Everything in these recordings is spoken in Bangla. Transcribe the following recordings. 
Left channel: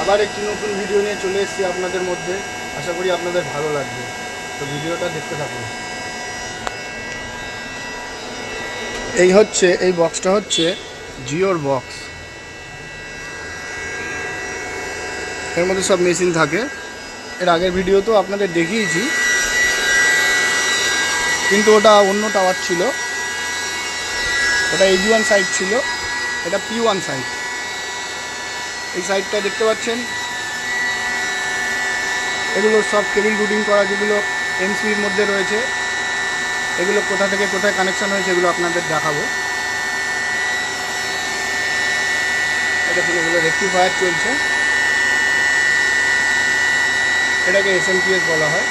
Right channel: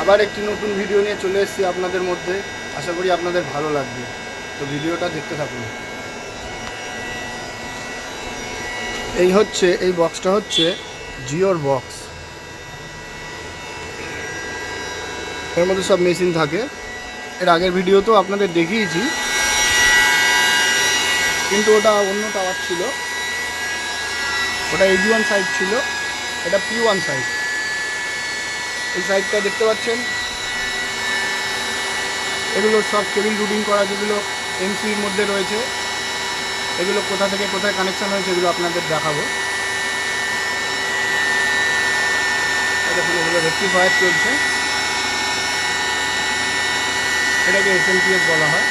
আবার একটি নতুন ভিডিও নিয়ে চলে এসেছি আপনাদের মধ্যে। আশা করি আপনাদের ভালো লাগবে, তো ভিডিওটা দেখতে থাকুন। এই বক্সটা হচ্ছে জিওর বক্স। এর মধ্যে সব মেশিন থাকে। এর আগের ভিডিও তো আপনাদের দেখিয়েছি, কিন্তু ওটা অন্য টাওয়ার ছিল। ওটা AG1 সাইট ছিল, এটা P1 সাইট। এই সাইটটা দেখতে পাচ্ছেন, এগুলো সব কেবিল রুটিং করা, যেগুলো MCBর মধ্যে রয়েছে। এগুলো কোথা থেকে কোথায় কানেকশান হয়েছে এগুলো আপনাদের দেখাবো। দেখুন, এগুলো রেক্টিফায়ার চলছে, এটাকে SMPS বলা হয়।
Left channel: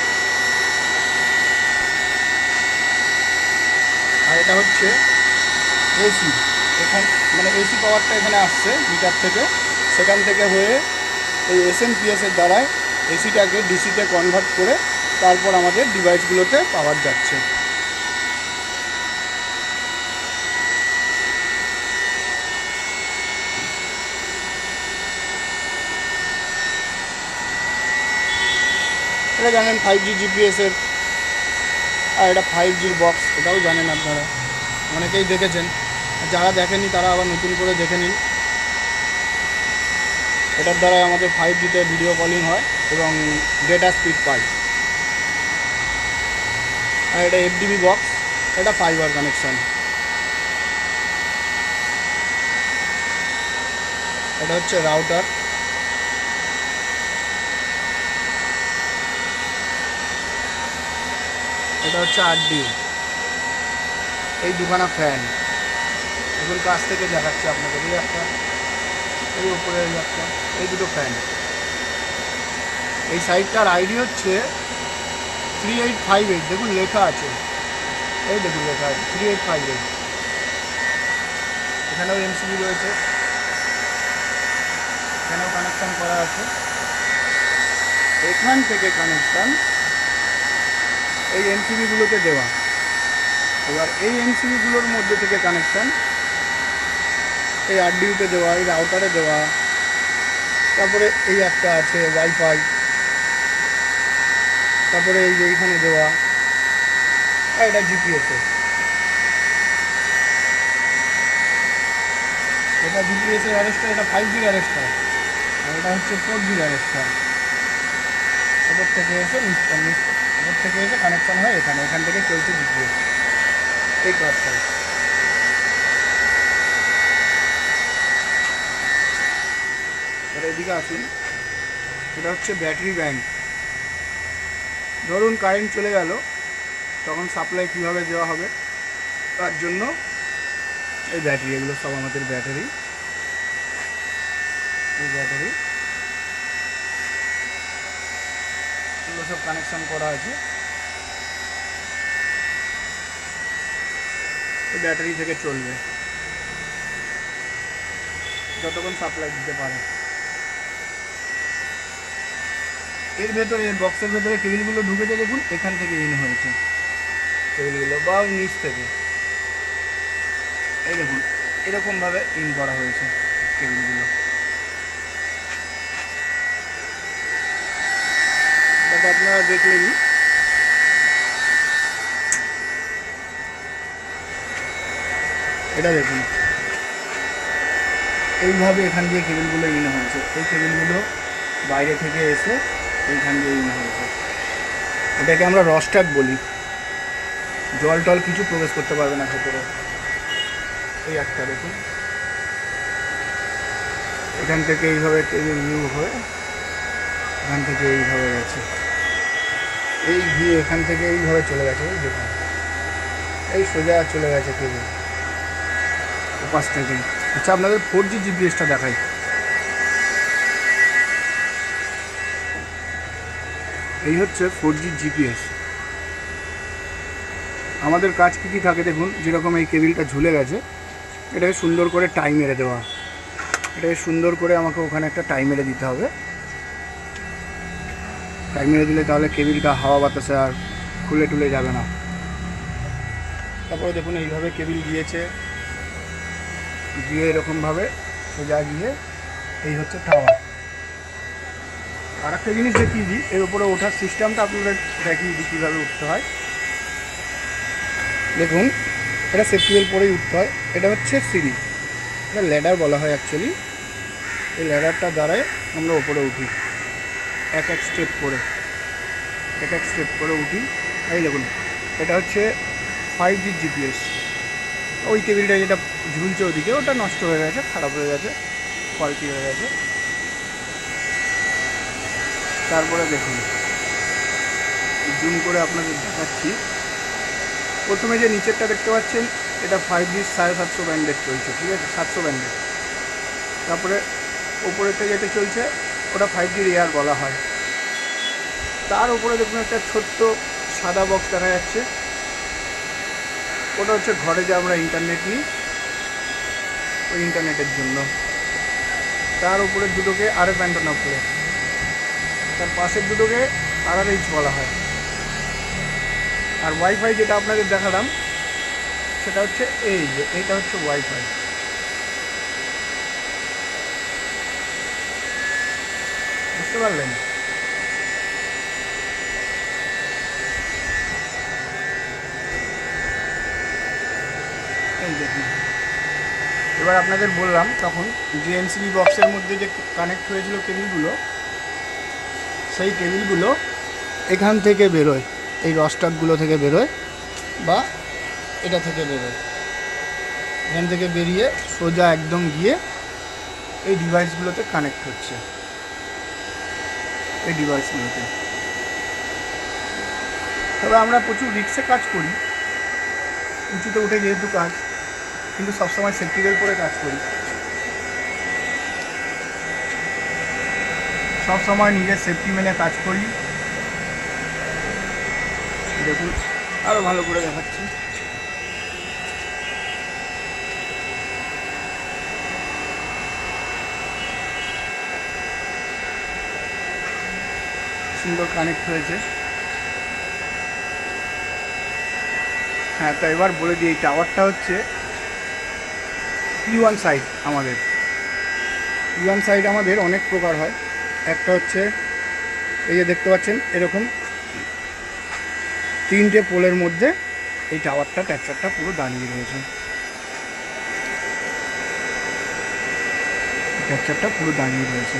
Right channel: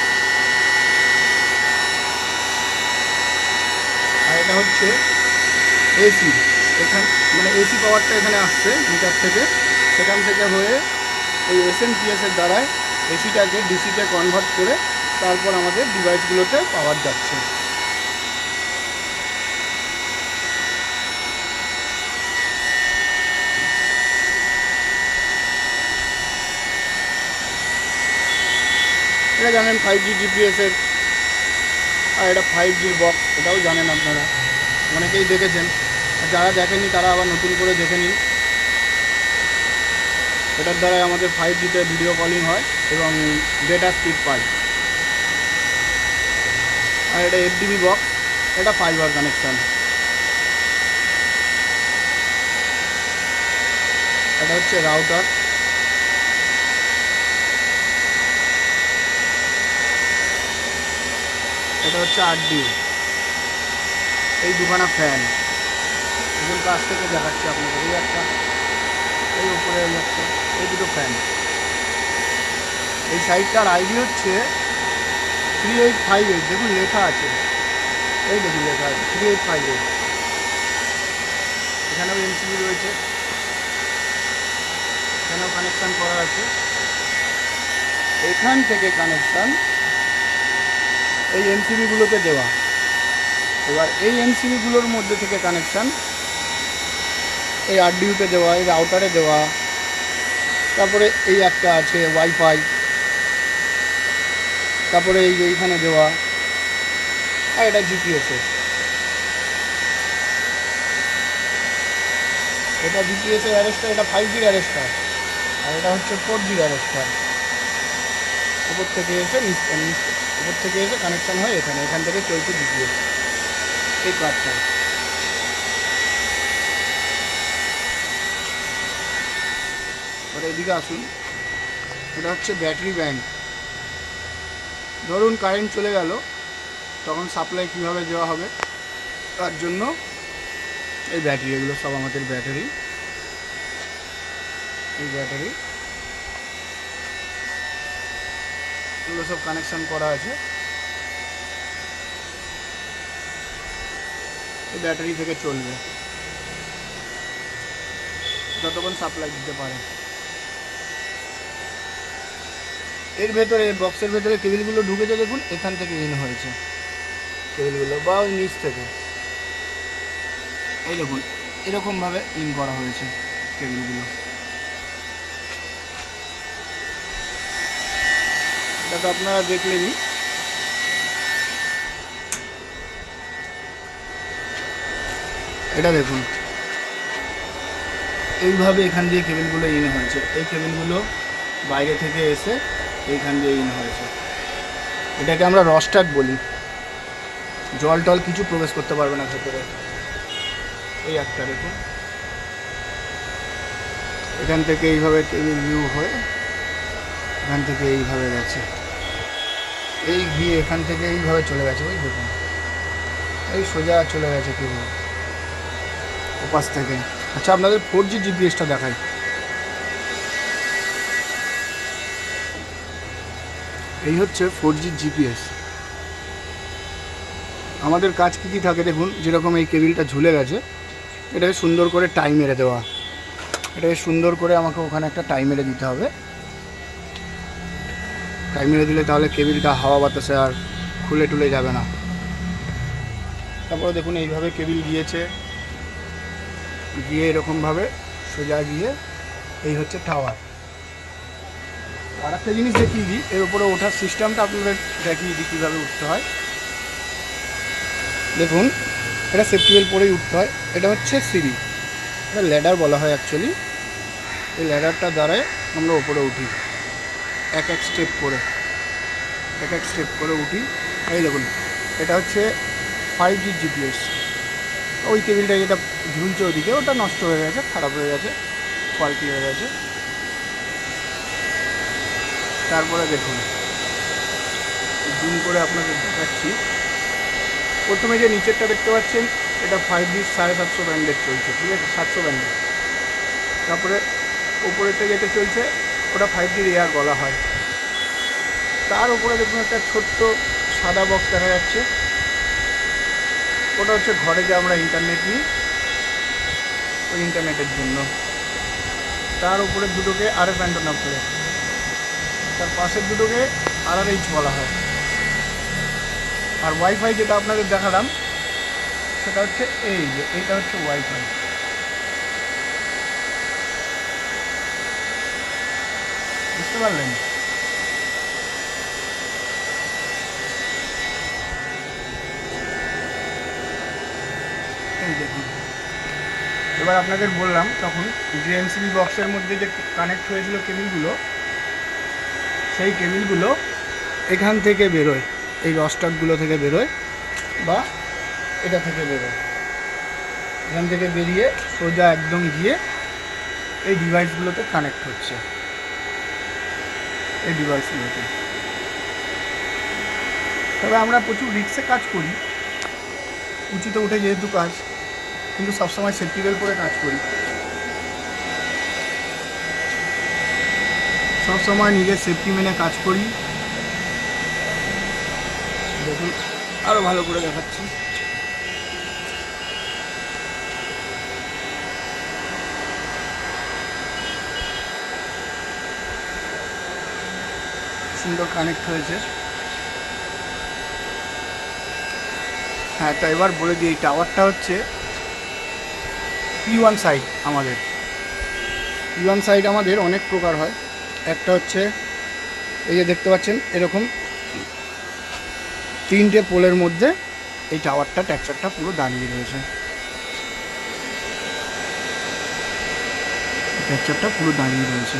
আর এটা হচ্ছে এসি। মানে এসি পাওয়ারটা এখানে আসছে মিটার থেকে, সেখান থেকে হয়ে এই SMPS-এর দ্বারায় এসিটাকে ডিসিতে কনভার্ট করে তারপর আমাদের ডিভাইসগুলোতে পাওয়ার যাচ্ছে। এটা জানেন 5G GPS-এর, আর এটা 5G-র বক্স, এটাও জানেন আপনারা, অনেকেই দেখেছেন। আর যারা দেখেননি তারা আবার নতুন করে দেখে নিন। এটার দ্বারাই আমাদের 5G-তে ভিডিও কলিং হয় এবং ডেটা স্পিড পাই। আর এটা FDB বক্স, এটা ফাইবার কানেকশান। এটা হচ্ছে রাউটার। এটা হচ্ছে RDU। এই দুখানা ফ্যান, এখন কাছ থেকে দেখাচ্ছি আপনাদের। এই একটা, এই উপরে এই একটা, এই দুটো ফ্যান। এই সাইটটার আইডি হচ্ছে 3858। দেখুন লেখা আছে, এই দেখুন লেখা আছে 3858। এখানেও MCB রয়েছে, এখানেও কানেকশান করা আছে। এখান থেকে কানেকশান এই MCBগুলোতে দেওয়া। এবার এই MCBগুলোর মধ্যে থেকে কানেকশান এই RDU-তে দেওয়া, এই রাউটারে দেওয়া। তারপরে এই একটা আছে ওয়াইফাই, তারপরে এই যে এইখানে দেওয়া। আর এটা GPS-এর, এটা GPS-এর অ্যারেস্টার, এটা 5G-র অ্যারেস্টার, আর এটা হচ্ছে 4G-র অ্যারেস্টার। উপর থেকে এসে উপর থেকে এসে কানেকশান হয় এখান থেকে চলছে GPS এই কার্ডটায়। এবার এদিকে আসুন, এটা হচ্ছে ব্যাটারি ব্যাংক। ধরুন কারেন্ট চলে গেল, তখন সাপ্লাই কীভাবে দেওয়া হবে তার জন্য এই ব্যাটারি, এগুলো সব আমাদের ব্যাটারি। এই ব্যাটারি এগুলো সব কানেকশান করা আছে। এই ব্যাটারি থেকে চলবে যতক্ষণ সাপ্লাই দিতে পারে। এর ভেতরে, এই বক্সের ভেতরে কেবিলগুলো ঢুকেছে, দেখুন এখান থেকে ইন হয়েছে কেবিলগুলো, বা ওই নিচ থেকে। এই দেখুন এরকমভাবে ইন করা হয়েছে কেবিলগুলো। এটা তো আপনারা দেখলেনই। এটা দেখুন এইভাবে এখান দিয়ে কেবিলগুলো ইন হয়েছে। এই কেবিলগুলো বাইরে থেকে এসে এইখান দিয়ে ইন হয়েছে। এটাকে আমরা রস্টাক বলি। জল টল কিছু প্রবেশ করতে পারবে না ভেতরে। এই একটা দেখুন, এখান থেকে এইভাবে কেবিল ভিউ হয়ে এখান থেকে এইভাবে গেছে, এই গিয়ে এখান থেকে এইভাবে চলে গেছে। ওই দেখুন এই সোজা চলে গেছে কেবিল ওপাশ থেকে। আচ্ছা, আপনাদের 4G GPS-টা দেখাই। এই হচ্ছে 4G GPS। আমাদের কাজ কী কী থাকে দেখুন। যেরকম এই কেবিলটা ঝুলে গেছে, এটাকে সুন্দর করে টাই মেরে দেওয়া। এটাকে সুন্দর করে আমাকে ওখানে একটা টাই মেরে দিতে হবে। টাই মেরে দিলে তাহলে কেবিলটা হাওয়া বাতাসে আর খুলে টুলে যাবে না। তারপরে দেখুন এইভাবে কেবিল গিয়েছে, গিয়ে এরকমভাবে সোজা গিয়ে এই হচ্ছে টাওয়ার। আর একটা জিনিস দেখিয়ে দিই, এর উপরে ওঠার সিস্টেমটা আপনাদের দেখিয়ে দিই কীভাবে উঠতে হয়। দেখুন, এটা সেফটি বেল্ট পরেই উঠতে হয়। এটা হচ্ছে সিঁড়ি, এটা ল্যাডার বলা হয় অ্যাকচুয়ালি। এই ল্যাডারটা দ্বারাই আমরা ওপরে উঠি, এক এক স্টেপ করে উঠি। এই দেখুন, এটা হচ্ছে 5G জিপিএস। ওই কেবিলটা যেটা ঝুলছে ওদিকে, ওটা নষ্ট হয়ে গেছে, খারাপ হয়ে গেছে, ফল্টি হয়ে গেছে। তারপরে দেখুন, জুম করে আপনাদের দেখাচ্ছি। প্রথমে যে নিচেরটা দেখতে পাচ্ছেন, এটা 5G 750 ব্যান্ডেড চলছে, ঠিক আছে, 700 ব্যান্ডেড। তারপরে ওপরেরটা যেটা চলছে ওটা 5G রেয়ার বলা হয়। তার উপরে দেখুন একটা ছোট্ট সাদা বক্স দেখা যাচ্ছে, ওটা হচ্ছে ঘরে যে আমরা ইন্টারনেট নিই, ওই ইন্টারনেটের জন্য। তার উপরে দুটোকে RF অ্যান্টেনা বলে, তার পাশের দুটোকে RRH বলা হয়। আর ওয়াইফাই যেটা আপনাদের দেখালাম সেটা হচ্ছে এইটা হচ্ছে ওয়াইফাই। বুঝতে পারলেন? এই দেখুন, এবার আপনাদের বললাম তখন যে MCB বক্সের মধ্যে যে কানেক্ট হয়েছিল কেবিলগুলো, সেই কেবিলগুলো এখান থেকে বেরোয়, এই রস্টারগুলো থেকে বেরোয় বা এটা থেকে বেরোয়। এখান থেকে বেরিয়ে সোজা একদম গিয়ে এই ডিভাইসগুলোতে কানেক্ট হচ্ছে, এই ডিভাইসগুলোতে। তবে আমরা প্রচুর রিস্কে কাজ করি, উঁচুতে উঠে যেহেতু কাজ, কিন্তু সবসময় সেফটি বেল্ট পরে কাজ করি। সবসময় নিজের সেফটি মেনে কাজ করি। দেখুন, আরও ভালো করে দেখাচ্ছি। সুন্দর কানেক্ট হয়েছে। হ্যাঁ, তো এবার বলে দিই, এই টাওয়ারটা হচ্ছে P1 সাইট। আমাদের P1 সাইট আমাদের অনেক প্রকার হয়। একটা হচ্ছে এই যে দেখতে পাচ্ছেন, এরকম 3টে পোলের মধ্যে এই টাওয়ারটা, ট্যাকচারটা পুরো দাঁড়িয়ে রয়েছে। ট্যাকচারটা পুরো দাঁড়িয়ে রয়েছে।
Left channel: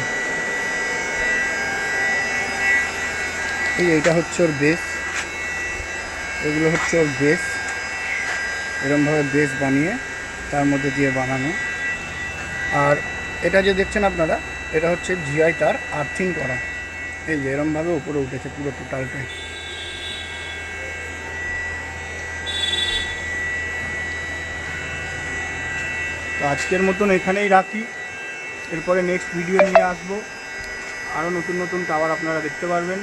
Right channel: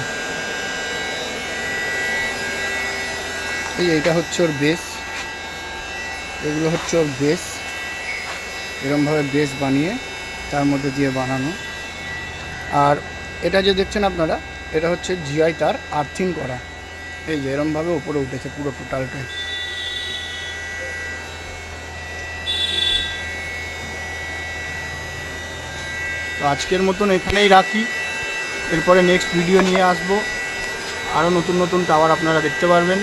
এইটা হচ্ছে ওর বেস, এগুলো হচ্ছে ওর বেস। এরকমভাবে বেস বানিয়ে তার মধ্যে দিয়ে বানানো। আর এটা যে দেখছেন আপনারা, এটা হচ্ছে জিআই তার আর্থিং করা। এই যে এরকমভাবে উপরে উঠেছে পুরো টোটালটাই। তো আজকের মতন এখানেই রাখি, এরপরে নেক্সট ভিডিও নিয়ে আসবো। আরও নতুন নতুন টাওয়ার আপনারা দেখতে পারবেন।